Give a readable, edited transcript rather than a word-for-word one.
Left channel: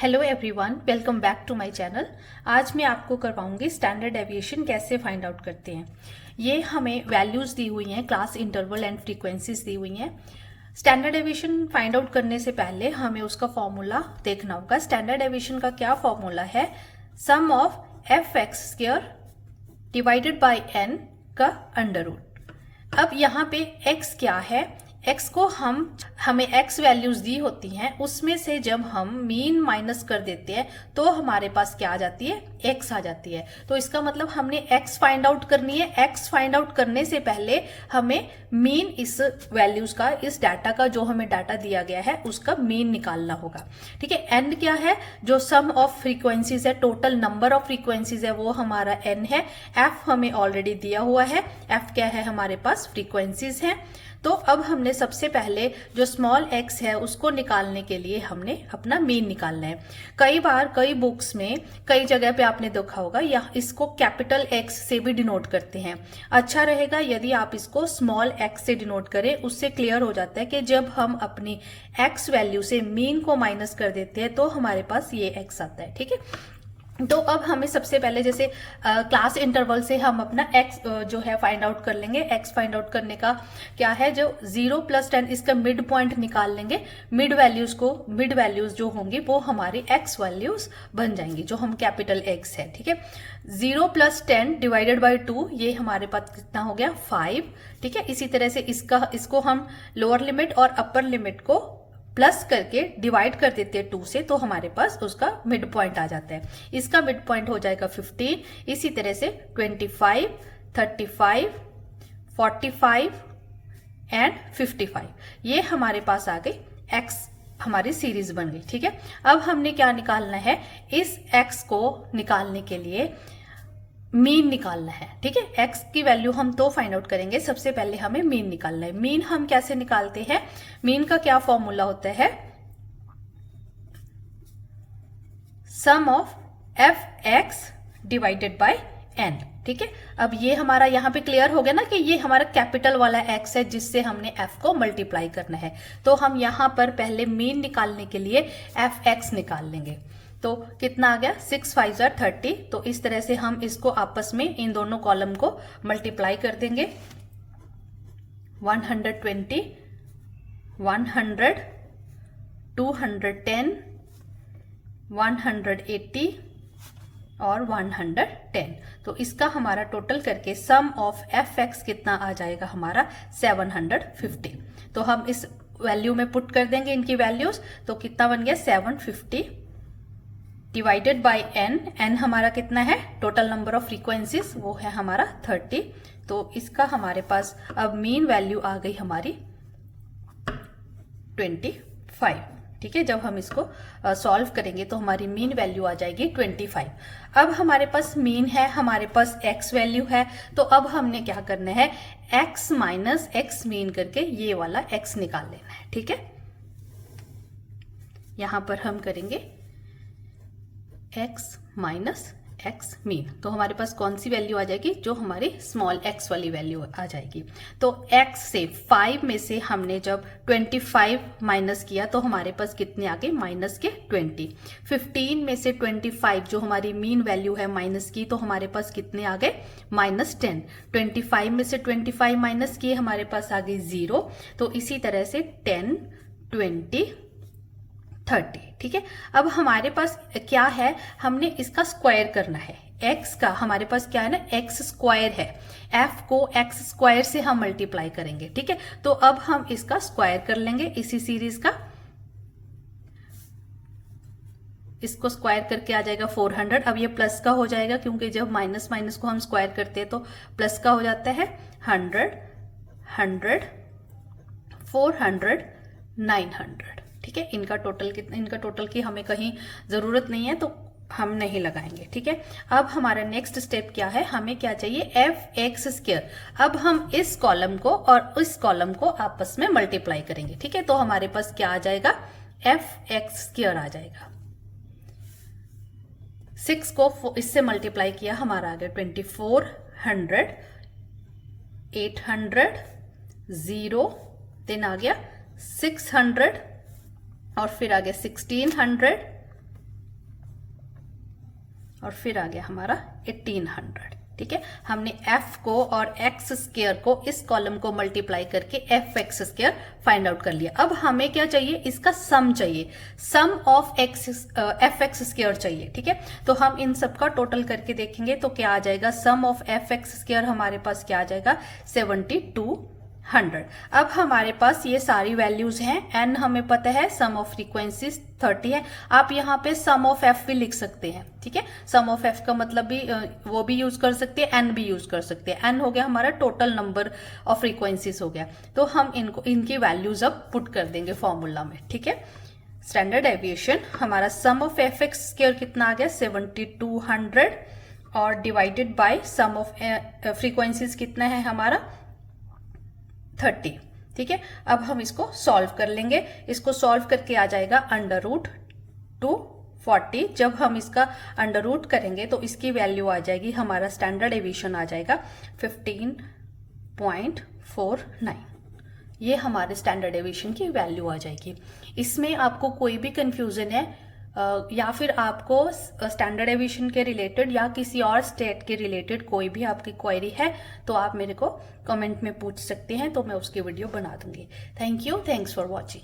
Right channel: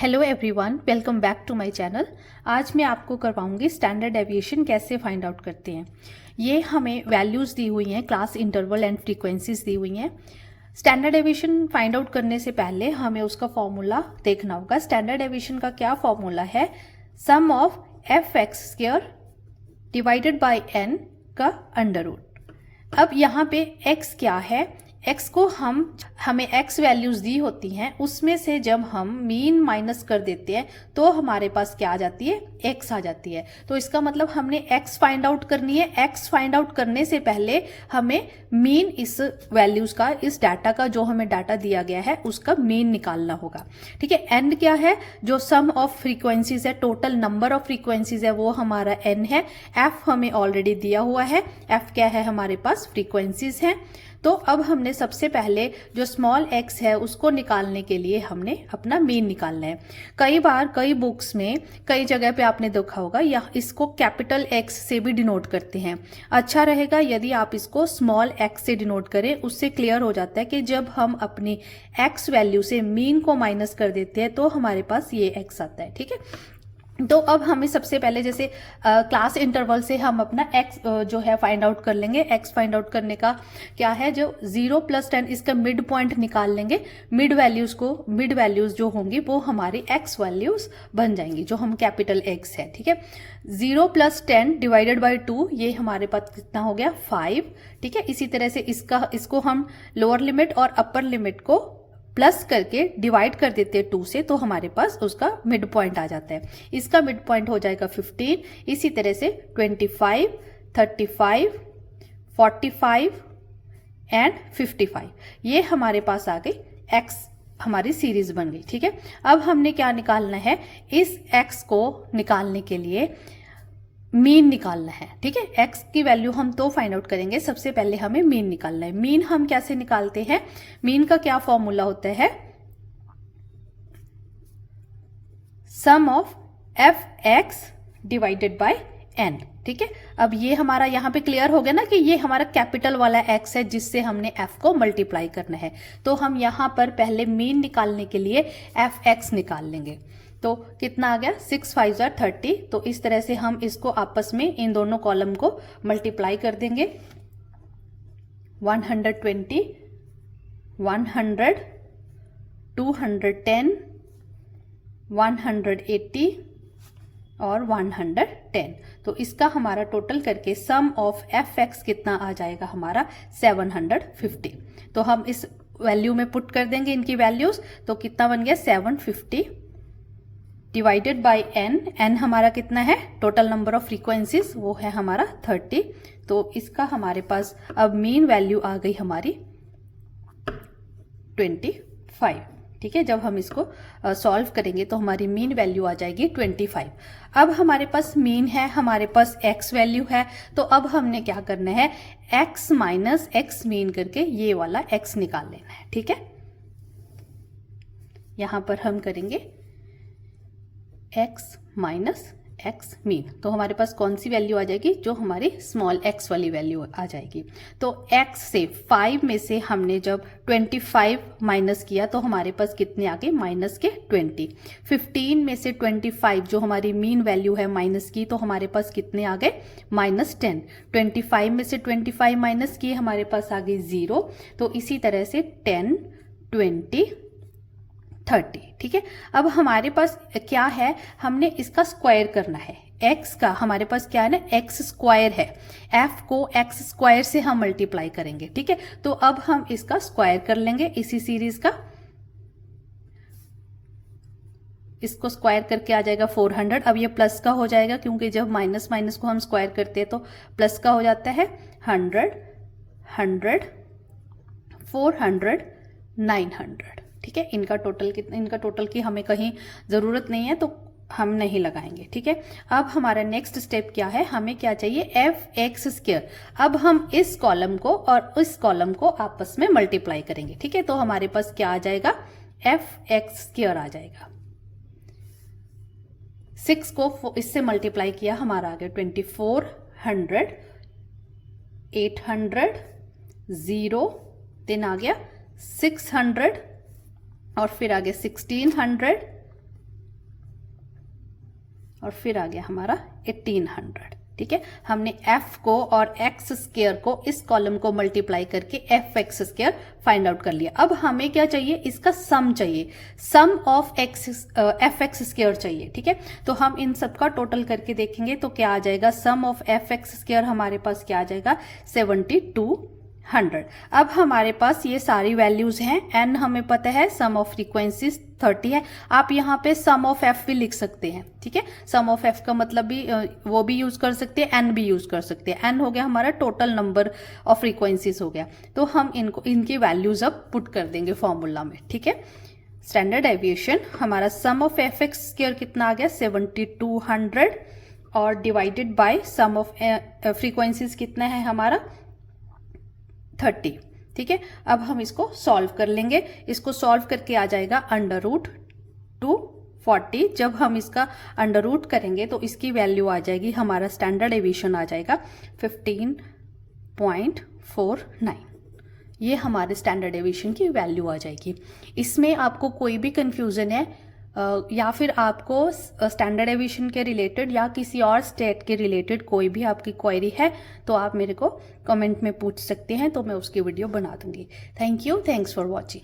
Hello everyone, welcome back to my channel. आज मैं आपको करवाऊंगी स्टैंडर्ड डेविएशन कैसे फाइंड आउट करते हैं। ये हमें वैल्यूज़ दी हुई हैं, क्लास इंटरवल एंड फ्रीक्वेंसीज दी हुई हैं। स्टैंडर्ड डेविएशन फाइंड आउट करने से पहले हमें उसका फॉर्मूला देखना होगा। स्टैंडर्ड डेविएशन का क्या फॉर्मूला है? Sum of f x square divided by n का अंडर रूट। अब यहाँ पे x क्या है? x को हमें x वैल्यूज दी होती हैं, उसमें से जब हम मीन माइनस कर देते हैं तो हमारे पास क्या आ जाती है? x आ जाती है। तो इसका मतलब हमने x फाइंड आउट करनी है। x फाइंड आउट करने से पहले हमें मीन इस वैल्यूज का, इस डाटा का, जो हमें डाटा दिया गया है उसका मीन निकालना होगा। ठीक है। n क्या है? जो सम ऑफ फ्रीक्वेंसीज है, टोटल नंबर ऑफ फ्रीक्वेंसीज है, वो हमारा n है। f हमें ऑलरेडी दिया हुआ है। f क्या है? हमारे पास फ्रीक्वेंसीज हैं। तो अब हमने सबसे पहले जो स्मॉल x है उसको निकालने के लिए हमने अपना मीन निकालना है। कई बार कई बुक्स में कई जगह पे आपने देखा होगा या इसको कैपिटल X से भी डिनोट करते हैं। अच्छा रहेगा यदि आप इसको स्मॉल x से डिनोट करें, उससे क्लियर हो जाता है कि जब हम अपनी x वैल्यू से मीन को माइनस कर देते हैं तो हमारे पास ये x आता है। ठीक है। तो अब हमें सबसे पहले जैसे क्लास इंटरवल से हम अपना x जो है फाइंड आउट कर लेंगे। x फाइंड आउट करने का क्या है? जो 0 + 10 इसका मिड पॉइंट निकाल लेंगे। मिड वैल्यूज जो होंगी वो हमारी x वैल्यूज बन जाएंगी, जो हम कैपिटल X है। ठीक है। 0 + 10 डिवाइडेड बाई 2, ये हमारे पास कितना हो गया? 5। ठीक है। इसी तरह से इसको हम लोअर लिमिट और अपर लिमिट को प्लस करके डिवाइड कर देते हैं 2 से, तो हमारे पास उसका मिड पॉइंट आ जाता है। इसका मिड पॉइंट हो जाएगा 15। इसी तरह से 25, 35, 45 एंड 55, ये हमारे पास आ गई x, हमारी सीरीज बन गई। ठीक है। अब हमने क्या निकालना है? इस x को निकालने के लिए मीन निकालना है। ठीक है। x की वैल्यू हम तो फाइंड आउट करेंगे, सबसे पहले हमें मीन निकालना है। मीन हम कैसे निकालते हैं? मीन का क्या फॉर्मूला होता है? Sum of f x divided by n. ठीक है। अब ये हमारा यहाँ पे क्लियर हो गया ना कि ये हमारा कैपिटल वाला x है जिससे हमने f को मल्टीप्लाई करना है। तो हम यहाँ पर पहले मीन निकालने के लिए एफ एक्स निकाल लेंगे। तो कितना आ गया? 6 5 30। तो इस तरह से हम इसको आपस में इन दोनों कॉलम को मल्टीप्लाई कर देंगे। 120, 100, 210, 180 और 110। तो इसका हमारा टोटल करके सम ऑफ एफ एक्स कितना आ जाएगा? हमारा 750। तो हम इस वैल्यू में पुट कर देंगे इनकी वैल्यूज। तो कितना बन गया? 750 डिवाइडेड बाई n हमारा कितना है? टोटल नंबर ऑफ फ्रीक्वेंसीज, वो है हमारा 30। तो इसका हमारे पास अब मीन वैल्यू आ गई हमारी 25। ठीक है। जब हम इसको सॉल्व करेंगे तो हमारी मीन वैल्यू आ जाएगी 25। अब हमारे पास मीन है, हमारे पास x वैल्यू है। तो अब हमने क्या करना है? x माइनस x मीन करके ये वाला x निकाल लेना है। ठीक है। यहां पर हम करेंगे x माइनस x मीन। तो हमारे पास कौन सी वैल्यू आ जाएगी? जो हमारी स्मॉल x वाली वैल्यू आ जाएगी। तो x से 5 में से हमने जब 25 माइनस किया तो हमारे पास कितने आ गए? माइनस के 20। 15 में से 25 जो हमारी मीन वैल्यू है माइनस की, तो हमारे पास कितने आ गए? -10। 25 में से 25 माइनस किए, हमारे पास आ गई 0। तो इसी तरह से 10, 20, 30। ठीक है। अब हमारे पास क्या है? हमने इसका स्क्वायर करना है। x का हमारे पास क्या है ना? x स्क्वायर है। f को x स्क्वायर से हम मल्टीप्लाई करेंगे। ठीक है। तो अब हम इसका स्क्वायर कर लेंगे इसी सीरीज का। इसको स्क्वायर करके आ जाएगा 400। अब ये प्लस का हो जाएगा क्योंकि जब माइनस माइनस को हम स्क्वायर करते हैं तो प्लस का हो जाता है। 100, 100, 400, 900। ठीक है। इनका टोटल की हमें कहीं जरूरत नहीं है तो हम नहीं लगाएंगे। ठीक है। अब हमारा नेक्स्ट स्टेप क्या है? हमें क्या चाहिए? F x square. अब हम इस कॉलम को और इस कॉलम को आपस में मल्टीप्लाई करेंगे। ठीक है। तो हमारे पास क्या आ जाएगा? एफ एक्स स्क्वायर आ जाएगा। 6 को इससे मल्टीप्लाई किया, हमारा आ गया 2400, 800, 0, देन आ गया 600 और फिर आ गया 1600, और फिर आ गया हमारा 1800। ठीक है, हमने f को और x स्क्वायर को इस कॉलम को मल्टीप्लाई करके fx स्क्वायर फाइंड आउट कर लिया। अब हमें क्या चाहिए, इसका सम चाहिए, सम ऑफ fx स्क्वायर चाहिए। ठीक है, तो हम इन सब का टोटल करके देखेंगे तो क्या आ जाएगा, सम ऑफ fx स्क्वायर हमारे पास क्या आ जाएगा 7200। अब हमारे पास ये सारी वैल्यूज हैं, n हमें पता है, सम ऑफ फ्रीक्वेंसीज 30 है। आप यहाँ पे सम ऑफ f भी लिख सकते हैं। ठीक है, सम ऑफ f का मतलब भी वो भी यूज कर सकते हैं, n भी यूज कर सकते हैं। n हो गया हमारा टोटल नंबर ऑफ फ्रीक्वेंसीज हो गया। तो हम इनकी वैल्यूज अब पुट कर देंगे फॉर्मूला में। ठीक है, स्टैंडर्ड डेविएशन हमारा सम ऑफ fx स्क्वायर कितना आ गया 7200 और divided by sum of frequencies कितना है हमारा 30। ठीक है, अब हम इसको सॉल्व कर लेंगे। इसको सॉल्व करके आ जाएगा अंडर रूट 240। जब हम इसका अंडर रूट करेंगे तो इसकी वैल्यू आ जाएगी, हमारा स्टैंडर्ड डेविएशन आ जाएगा 15.49। ये हमारे स्टैंडर्ड डेविएशन की वैल्यू आ जाएगी। इसमें आपको कोई भी कंफ्यूजन है या फिर आपको स्टैंडर्ड डेविएशन के रिलेटेड या किसी और स्टेट के रिलेटेड कोई भी आपकी क्वेरी है तो आप मेरे को कमेंट में पूछ सकते हैं, तो मैं उसकी वीडियो बना दूंगी। Thank you, thanks for watching.